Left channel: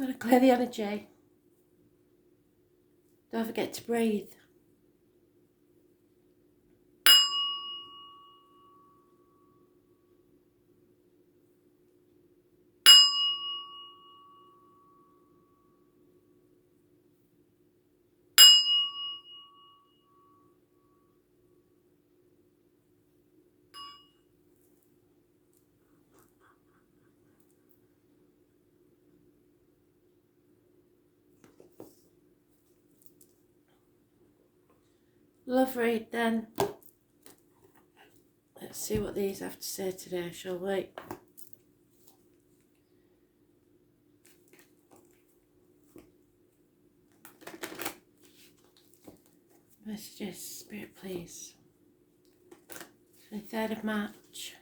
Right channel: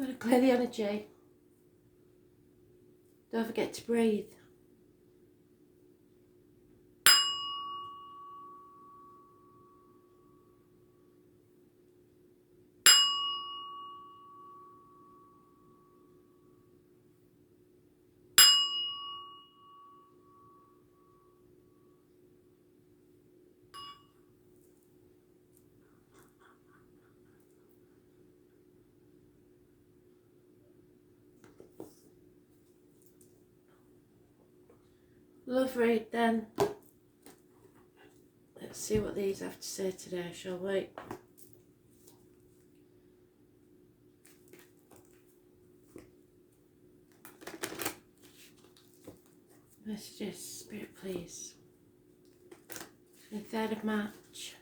Got to clear the energy. Don't forget to breathe. Love read then. Let's see what these have to say today, shall we? Messages, Spirit please. The 3rd of March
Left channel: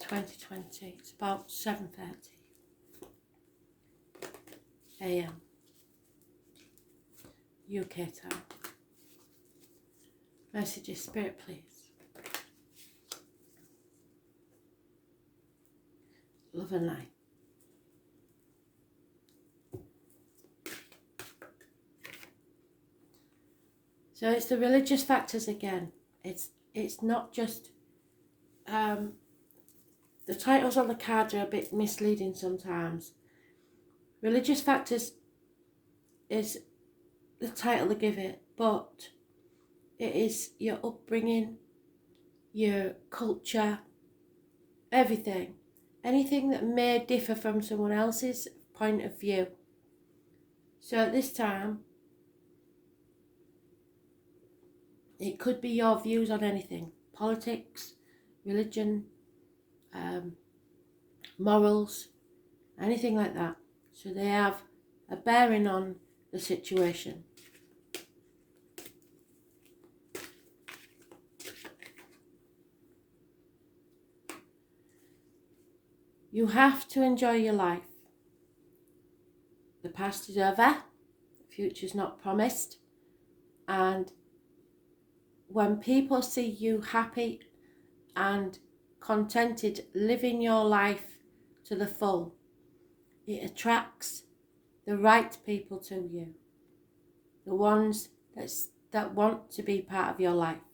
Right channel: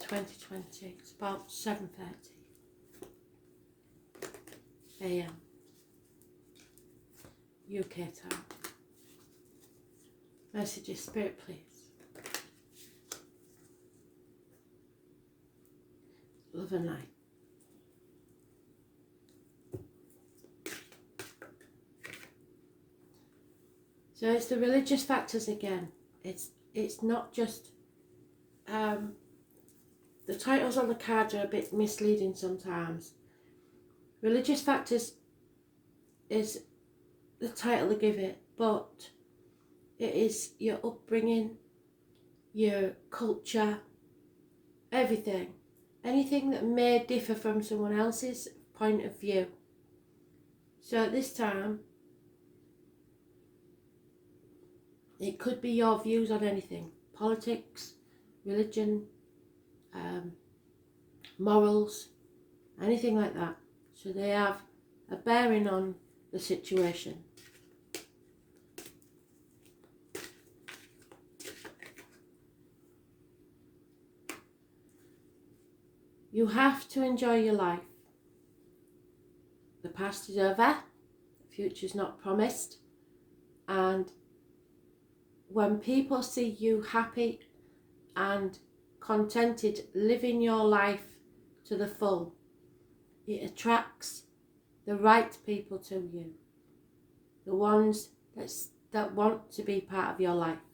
2020. It's about 7:30 AM UK time. Messages, Spirit please. Love and light. So it's the religious factors again. It's not just the titles on the card are a bit misleading sometimes. Religious factors is the title they give it, but it is your upbringing, your culture, everything. Anything that may differ from someone else's point of view. So at this time, it could be your views on anything. Politics, religion, morals, anything like that. So they have a bearing on the situation. You have to enjoy your life. The past is over, the future's not promised, and when people see you happy and contented living your life to the full, it attracts the right people to you, the ones that want to be part of your life.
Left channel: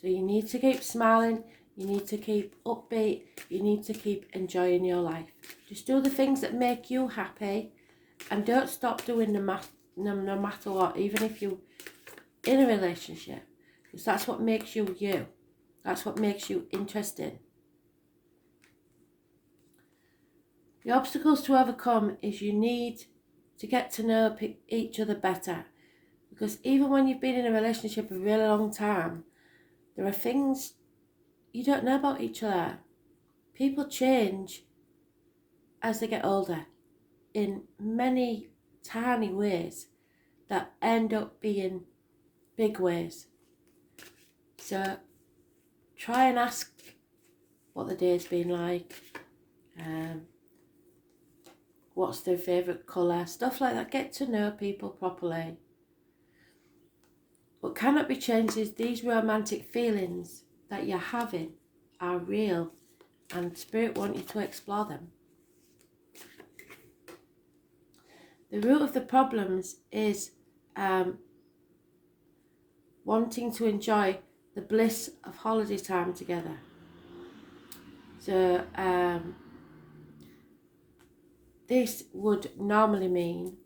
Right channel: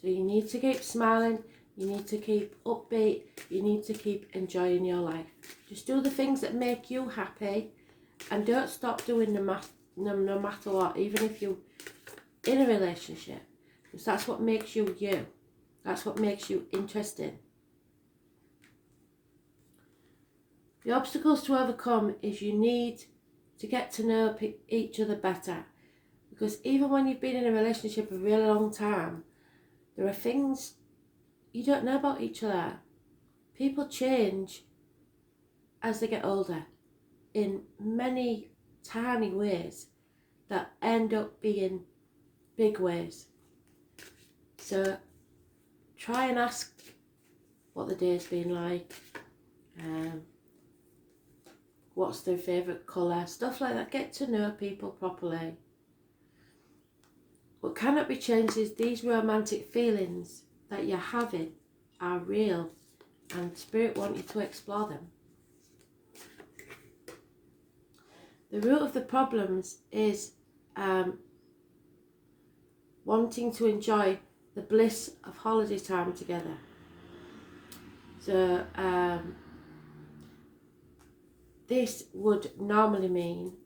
So you need to keep smiling, you need to keep upbeat, you need to keep enjoying your life. Just do the things that make you happy and don't stop doing them no matter what, even if you're in a relationship, because that's what makes you you. That's what makes you interesting. The obstacles to overcome is you need to get to know each other better, because even when you've been in a relationship a really long time, there are things you don't know about each other. People change as they get older in many tiny ways that end up being big ways. So try and ask what the day's been like, what's their favourite colour, stuff like that. Get to know people properly. What cannot be changed is these romantic feelings that you're having are real, and Spirit want you to explore them. The root of the problems is wanting to enjoy the bliss of holiday time together. So this would normally mean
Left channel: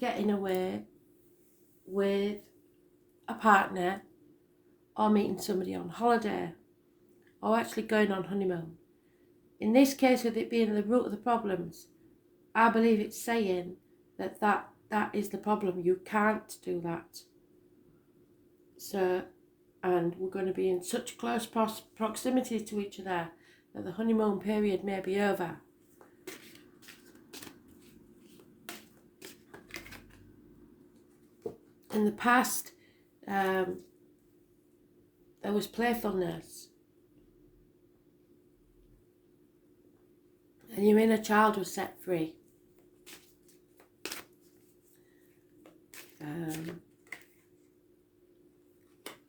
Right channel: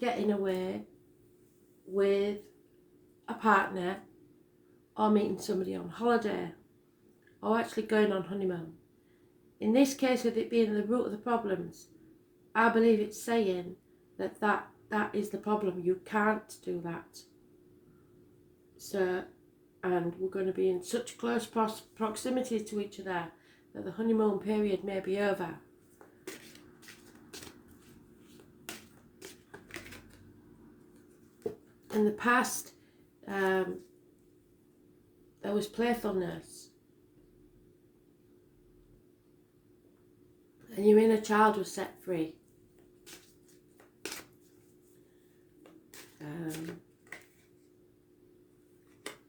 getting away with a partner, or meeting somebody on holiday, or actually going on honeymoon. In this case, with it being the root of the problems, I believe it's saying that is the problem. You can't do that. So, and we're going to be in such close proximity to each other that the honeymoon period may be over. In the past, there was playfulness, and your inner child was set free.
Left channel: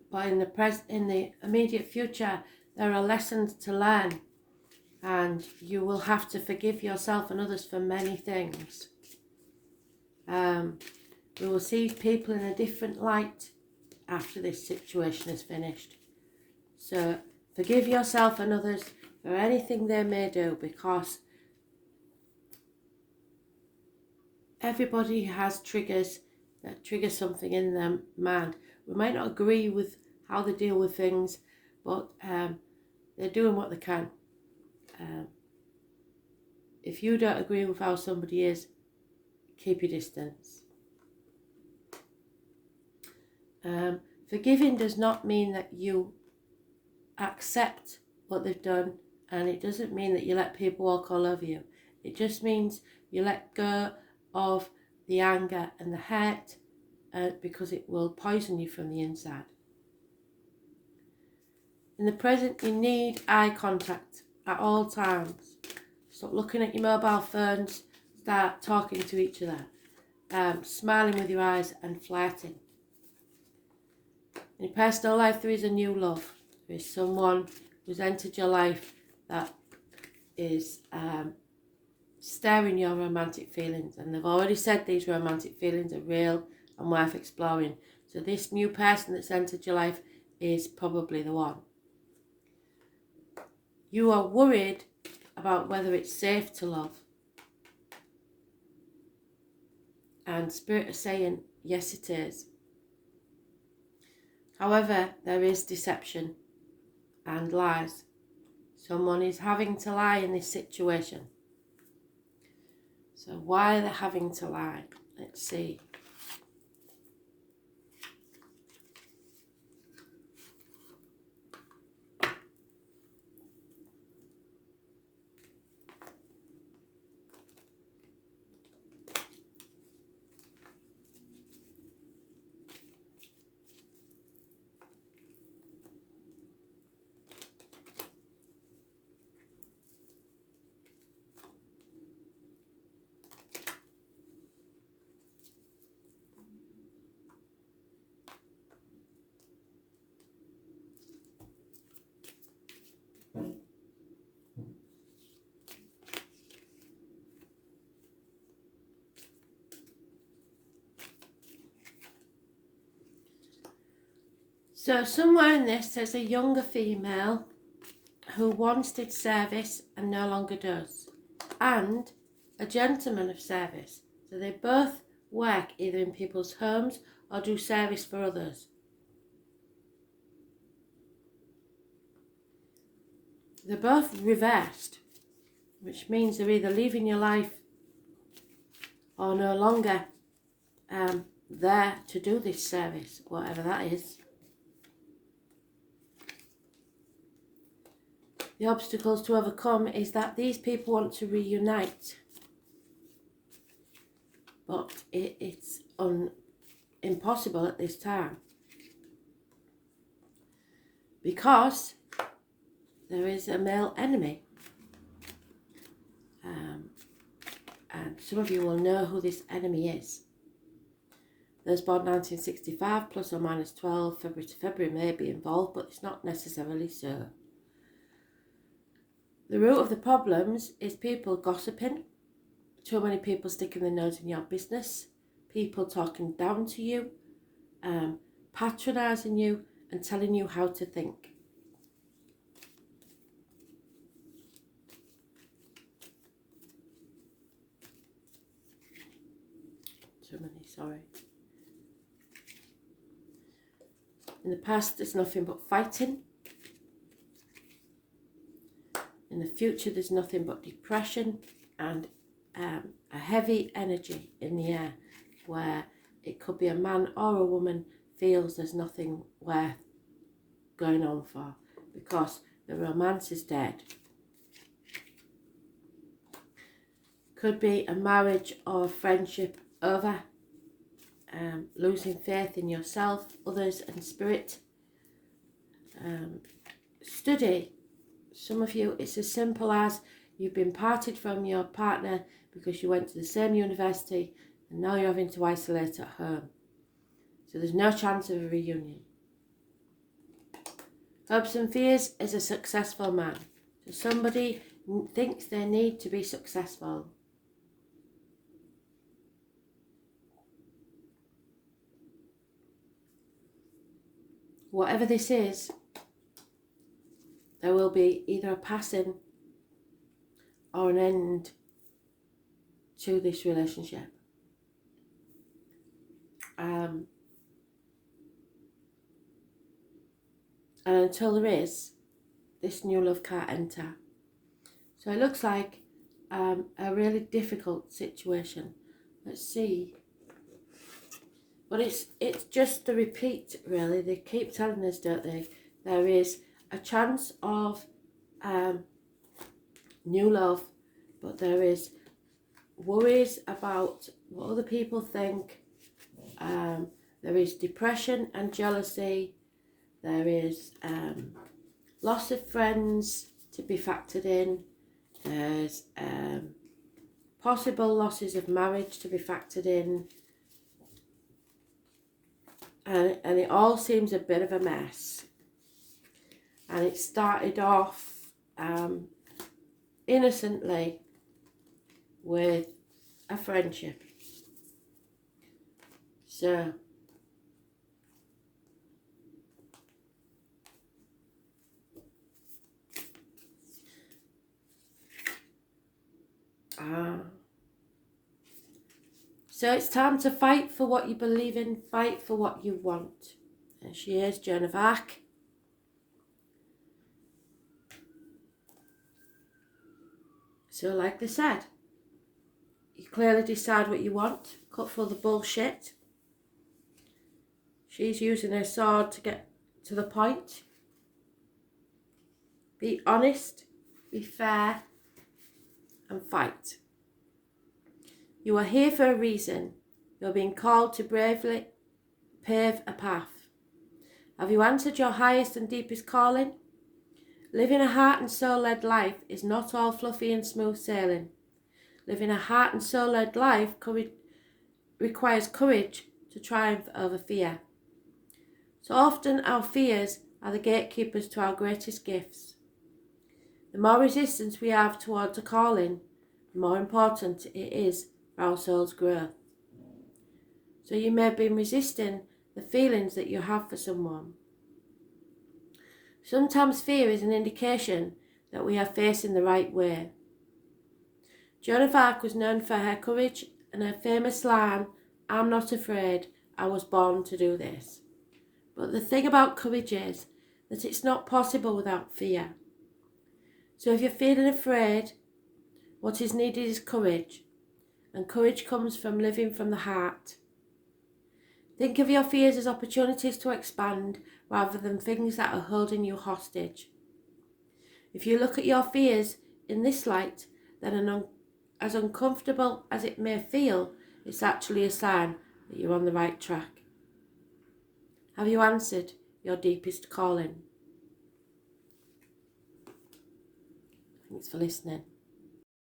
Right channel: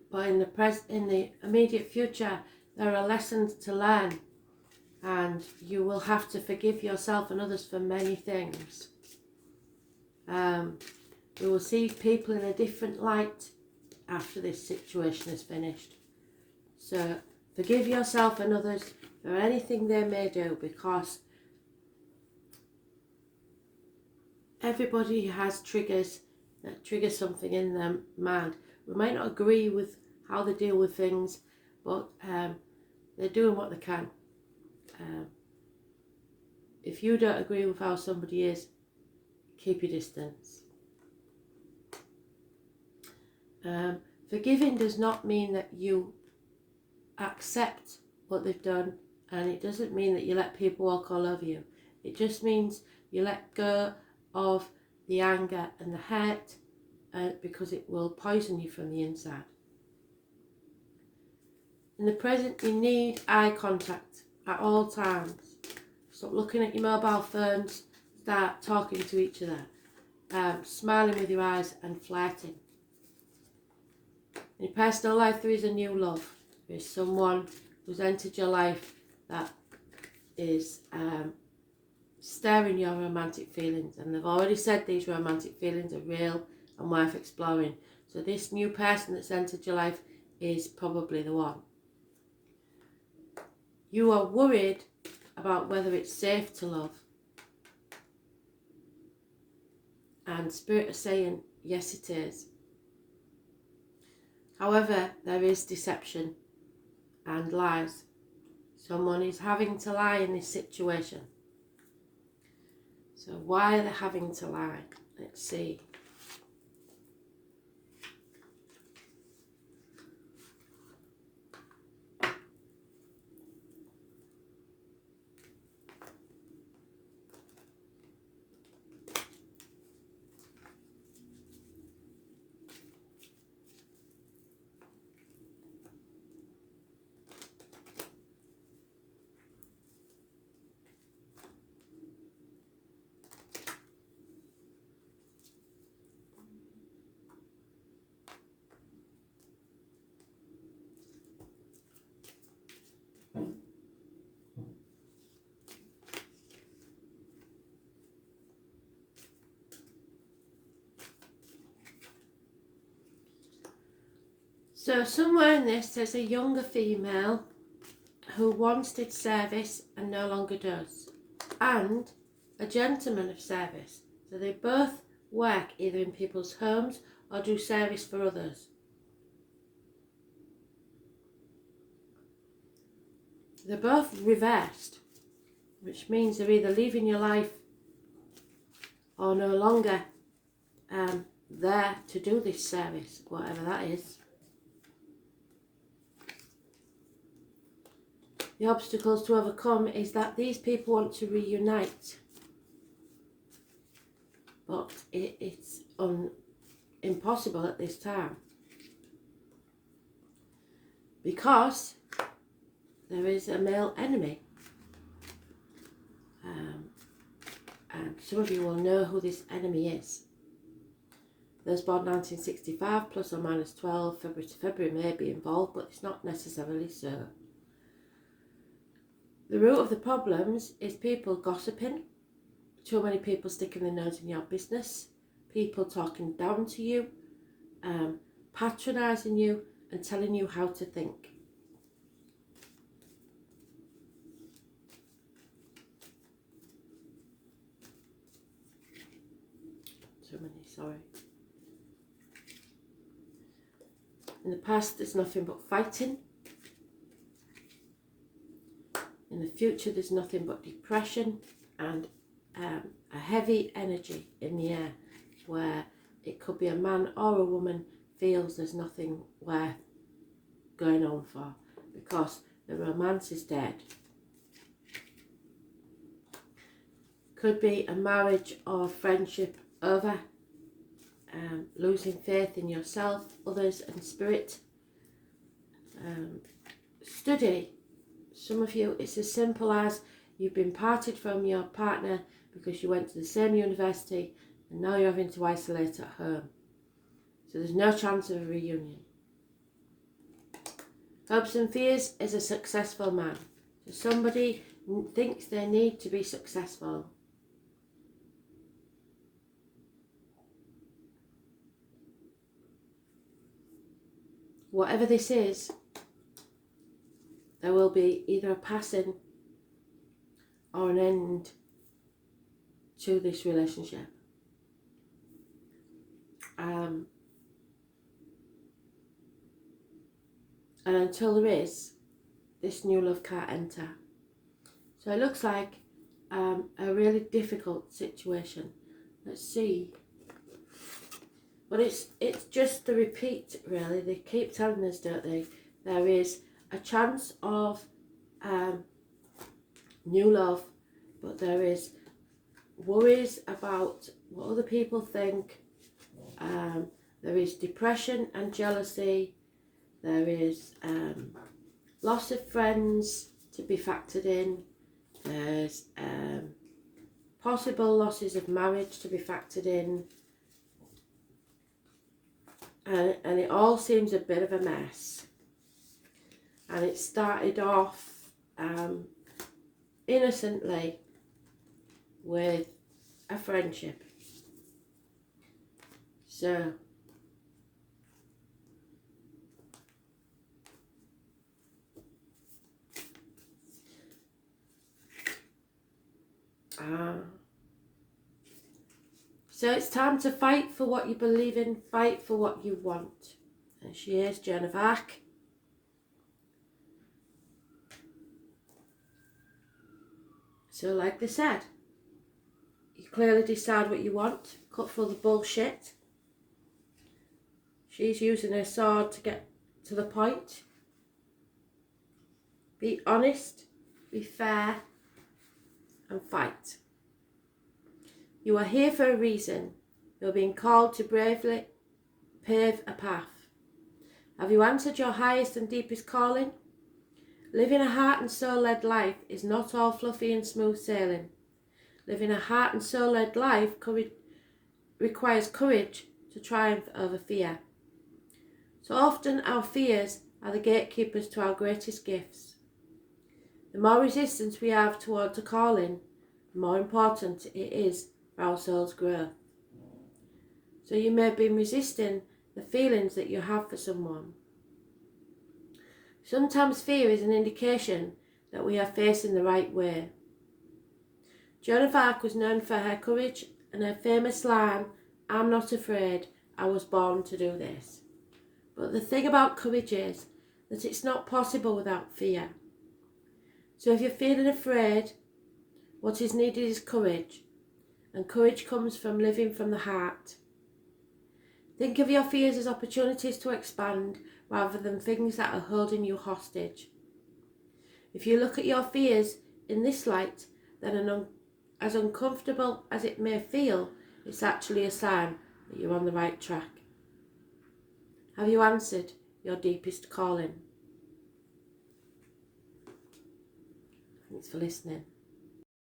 But in the immediate future, there are lessons to learn, and you will have to forgive yourself and others for many things. We will see people in a different light after this situation is finished. So forgive yourself and others for anything they may do, because everybody has triggers that trigger something in their mind. We might not agree with how they deal with things, but they're doing what they can. If you don't agree with how somebody is, keep your distance. Forgiving does not mean that you accept what they've done, and it doesn't mean that you let people walk all over you. It just means you let go of the anger and the hurt, because it will poison you from the inside. In the present, you need eye contact at all times. Stop looking at your mobile phones, start talking to each other, smiling with your eyes and flirting. In your personal life, there is a new love. There is someone who's entered your life that is stirring your romantic feelings, and they've already said these romantic feelings are real and worth exploring. So this new person that's entered your life is probably the one. You are worried about whether it's safe to love, and Spirit is saying yes, it is. However, there is deception and lies. Someone is having to lie in this situation. So why are they having to lie? Let's see. So somewhere in this there's a younger female who once did service and no longer does, and a gentleman of service. So they both work either in people's homes or do service for others. They're both reversed, which means they're either leaving your life or no longer there to do this service, whatever that is. The obstacles to overcome is that these people want to reunite, but it's impossible at this time, because there is a male enemy. And some of you will know who this enemy is. Those born 1965 plus or minus 12 February to February may be involved, but it's not necessarily so. The root of the problems is people gossiping, too many people sticking their nose in your business, people talking down to you, patronising you and telling you how to think. Too many, sorry. In the past, there's nothing but fighting. In the future, there's nothing but depression and a heavy energy in the air, where it could be a man or a woman feels there's nothing worth going on for, because the romance is dead. Could be a marriage or a friendship over, losing faith in yourself, others and spirit. Study. Some of you, it's as simple as you've been parted from your partner because you went to the same university and now you're having to isolate at home. So there's no chance of a reunion. Hopes and fears is a successful man. So somebody thinks they need to be successful. Whatever this is, there will be either a passing or an end to this relationship. And until there is, this new love can't enter. So it looks like a really difficult situation. Let's see. But it's just the repeat, really. They keep telling us, don't they? There is a chance of new love, but there is worries about what other people think. There is depression and jealousy. There is loss of friends to be factored in. There's possible losses of marriage to be factored in. And it all seems a bit of a mess. And it started off innocently with a friendship. So so it's time to fight for what you believe in, fight for what you want. And she is Joan of Arc. So like they said, you clearly decide what you want, cut through the bullshit. She's using her sword to get to the point. Be honest, be fair, and fight. You are here for a reason. You're being called to bravely pave a path. Have you answered your highest and deepest calling? Living a heart and soul-led life is not all fluffy and smooth sailing. Living a heart and soul-led life requires courage to triumph over fear. So often our fears are the gatekeepers to our greatest gifts. The more resistance we have towards a calling, the more important it is for our soul's growth. So you may have been resisting the feelings that you have for someone. Sometimes fear is an indication that we are facing the right way. Joan of Arc was known for her courage and her famous line, "I'm not afraid, I was born to do this." But the thing about courage is that it's not possible without fear. So if you're feeling afraid, what is needed is courage. And courage comes from living from the heart. Think of your fears as opportunities to expand rather than things that are holding you hostage. If you look at your fears in this light, then as uncomfortable as it may feel, it's actually a sign that you're on the right track. Have you answered your deepest calling? Thanks for listening.